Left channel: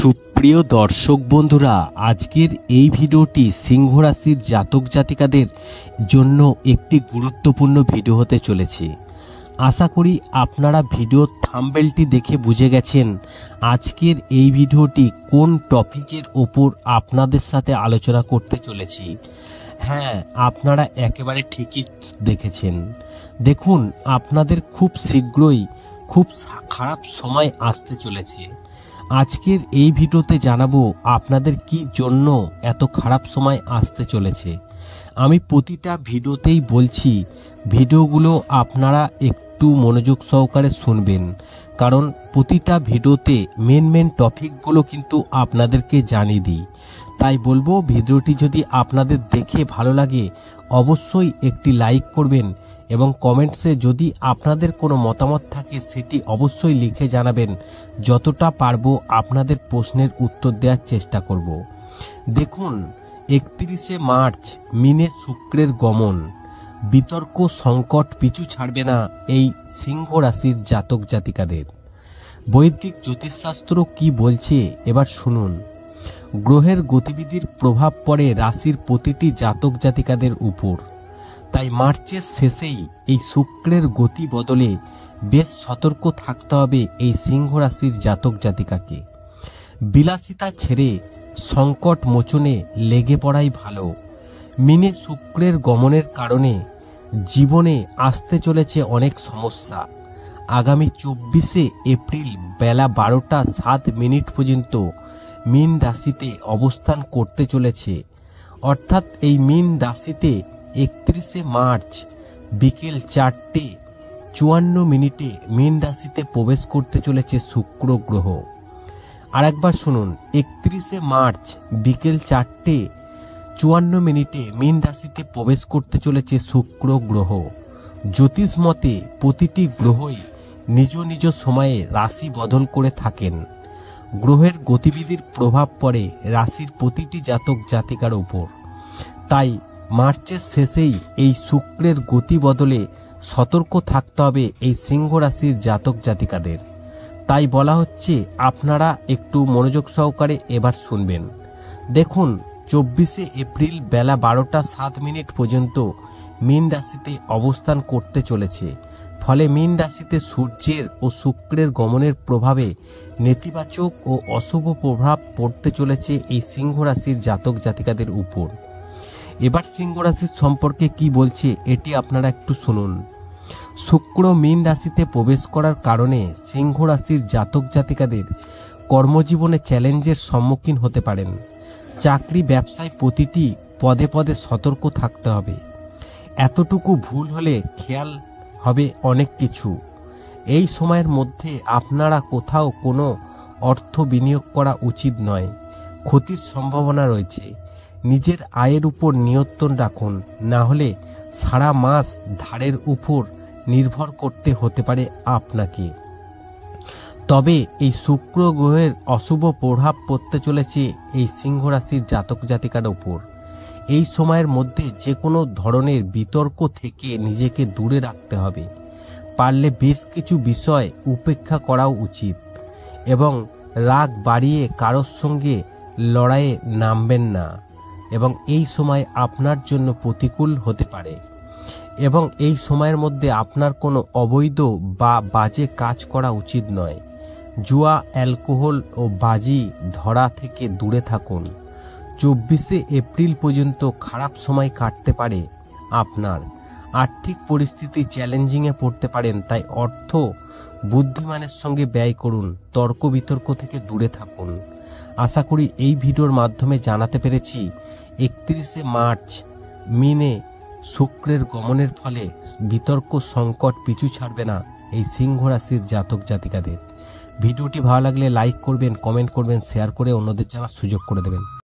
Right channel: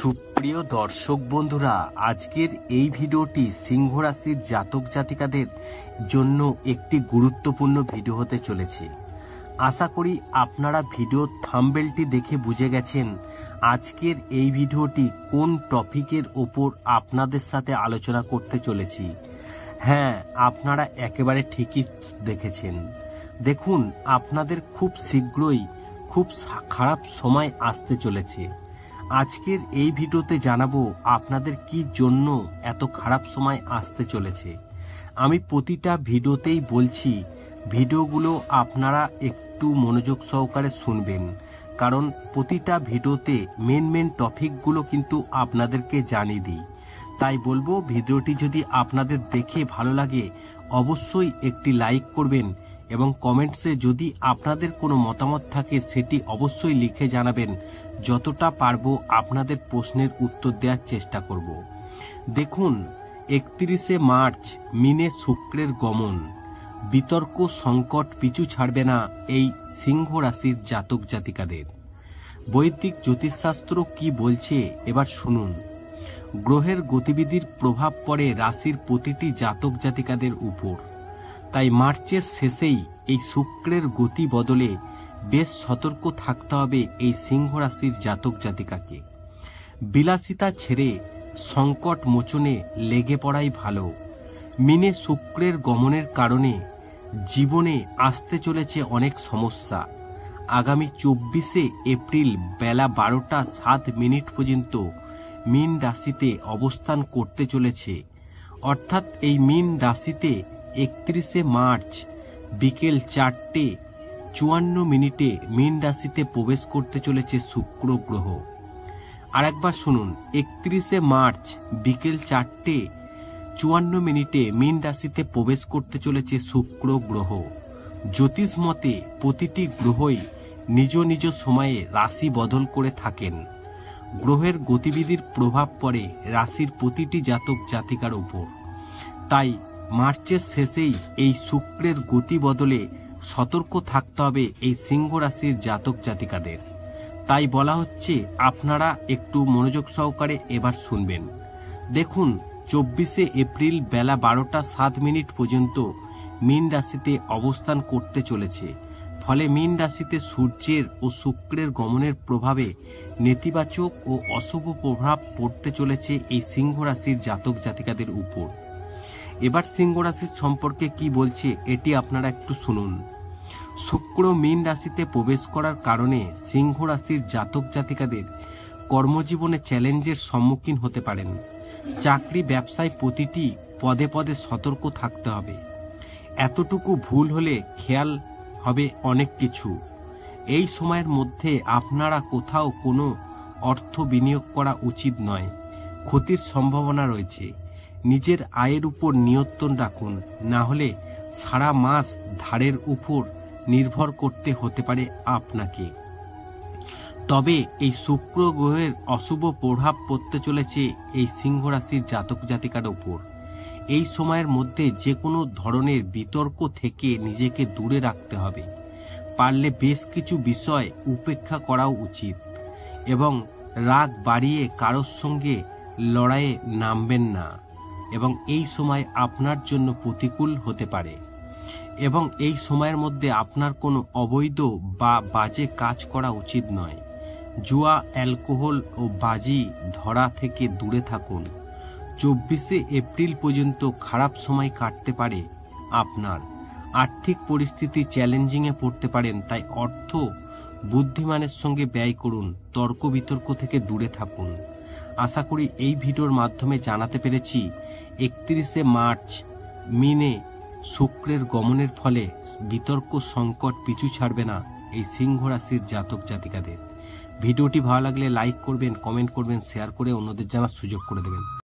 সুপ্রিয় দর্শক বন্ধুরা, আজকের এই ভিডিওটি সিংহ রাশির জাতক জাতিকাদের জন্য একটি গুরুত্বপূর্ণ ভিডিও হতে চলেছে। আশা করি আপনারা ভিডিওর থাম্বনেলটি দেখে বুঝে গেছেন আজকের এই ভিডিওটি কোন টপিকের ওপর আপনাদের সাথে আলোচনা করতে চলেছি। হ্যাঁ, আপনারা একেবারে ঠিকই দেখেছেন। দেখুন, আপনাদের খুব শীঘ্রই খুব খারাপ সময় আসতে চলেছে। আজকের এই ভিডিওতে জানাবো আপনাদের কি জন্য এত খারাপ সময় আসতে চলেছে। আমি প্রতিটা ভিডিওতেই বলছি, ভিডিওগুলো আপনারা একটু মনোযোগ সহকারে শুনবেন, কারণ প্রতিটা ভিডিওতে মেন টপিকগুলো কিন্তু আপনাদেরকে জানিয়ে দিই। তাই বলবো, ভিডিওটি যদি আপনাদের দেখে ভালো লাগে অবশ্যই একটি লাইক করবেন এবং কমেন্টসে যদি আপনাদের কোনো মতামত থাকে সেটি অবশ্যই লিখে জানাবেন। যতটা পারবো আপনাদের প্রশ্নের উত্তর দেওয়ার চেষ্টা করব। দেখুন, 31শে মার্চ মিনে শুক্রের গমন, বিতর্ক সংকট পিছু ছাড়বে না এই সিংহ রাশির জাতক জাতিকাদের। বৈদিক জ্যোতিষশাস্ত্র কি বলছে এবার শুনুন। গ্রহের গতিবিধির প্রভাব পড়ে রাশির প্রতিটি জাতক জাতিকাদের উপর। তাই মার্চের শেষেই এই শুক্রের গতি বদলে বেশ সতর্ক থাকতে হবে এই সিংহ রাশির জাতক জাতিকাকে। বিলাসিতা ছেড়ে সংকট মোচনে লেগে পড়াই ভালো। মিনে শুক্রের গমনের কারণে জীবনে আসতে চলেছে অনেক সমস্যা। আগামী 24শে এপ্রিল বেলা 12টা 7 মিনিট পর্যন্ত মীন রাশিতে অবস্থান করতে চলেছে। অর্থাৎ এই মীন রাশিতে 31শে মার্চ বিকেল 4টে 54 মিনিটে মীন রাশিতে প্রবেশ করতে চলেছে শুক্র গ্রহ। আরেকবার শুনুন, 31শে মার্চ বিকেল 4টে 54 মিনিটে মীন রাশিতে প্রবেশ করতে চলেছে শুক্র গ্রহ। জ্যোতিষ মতে প্রতিটি গ্রহই নিজ নিজ সময়ে রাশি বদল করে থাকেন। গ্রহের গতিবিধির প্রভাব পড়ে রাশির প্রতিটি জাতক জাতিকার উপর। তাই মার্চের শেষেই এই শুক্রের গতি বদলে সতর্ক থাকতে হবে এই সিংহ রাশির জাতক জাতিকাদের। তাই বলা হচ্ছে, আপনারা একটু মনোযোগ সহকারে এবার শুনবেন। দেখুন, 24শে এপ্রিল বেলা 12টা 7 মিনিট পর্যন্ত মীন রাশিতে অবস্থান করতে চলেছে। ফলে মীন রাশিতে সূর্যের ও শুক্রের গমনের প্রভাবে নেতিবাচক ও অশুভ প্রভাব পড়তে চলেছে এই সিংহ রাশির জাতক জাতিকাদের উপর। এবার সিংহ রাশির সম্পর্কে কি বলছে এটি আপনারা একটু শুনুন। শুক্র মীন রাশিতে প্রবেশ করার কারণে সিংহ রাশির জাতক জাতিকাদের কর্মজীবনে চ্যালেঞ্জের সম্মুখীন হতে পারেন। চাকরি ব্যবসায় প্রতিটি পদে পদে সতর্ক থাকতে হবে। এতটুকু ভুল হলে খেয়াল হবে অনেক কিছু। এই সময়ের মধ্যে আপনারা কোথাও কোনো অর্থ বিনিয়োগ করা উচিত নয়, ক্ষতির সম্ভাবনা রয়েছে। নিজের আয়ের উপর নিয়ন্ত্রণ রাখুন, না হলে সারা মাস ধারের উপর নির্ভর করতে হতে পারে আপনাকে। তবে এই শুক্র গ্রহের অশুভ প্রভাব পড়তে চলেছে এই সিংহ রাশির জাতক জাতিকার উপর। এই সময়ের মধ্যে যে কোনো ধরনের বিতর্ক থেকে নিজেকে দূরে রাখতে হবে। পারলে বেশ কিছু বিষয় উপেক্ষা করাও উচিত এবং রাগ বাড়িয়ে কারোর সঙ্গে লড়াইয়ে নামবেন না। এবং এই সময় আপনার জন্য প্রতিকূল হতে পারে এবং এই সময়ের মধ্যে আপনার কোনো অবৈধ বা বাজে কাজ করা উচিত নয়। জুয়া, অ্যালকোহল ও বাজি ধরা থেকে দূরে থাকুন। 24শে এপ্রিল পর্যন্ত খারাপ সময় কাটতে পারে আপনার। আর্থিক পরিস্থিতি চ্যালেঞ্জিংয়ে পড়তে পারেন, তাই অর্থ বুদ্ধিমানের সঙ্গে ব্যয় করুন। তর্ক বিতর্ক থেকে দূরে থাকুন। আশা করি এই ভিডিওর মাধ্যমে জানাতে পেরেছি 31শে মার্চ মিনে শুক্রের গমনের ফলে বিতর্ক সংকট পিছু ছাড়বে না এই সিংহ রাশির জাতক জাতিকাদের। ভিডিওটি ভালো লাগলে লাইক করবেন, কমেন্ট করবেন, শেয়ার করে অন্যদের জানার সুযোগ করে দেবেন।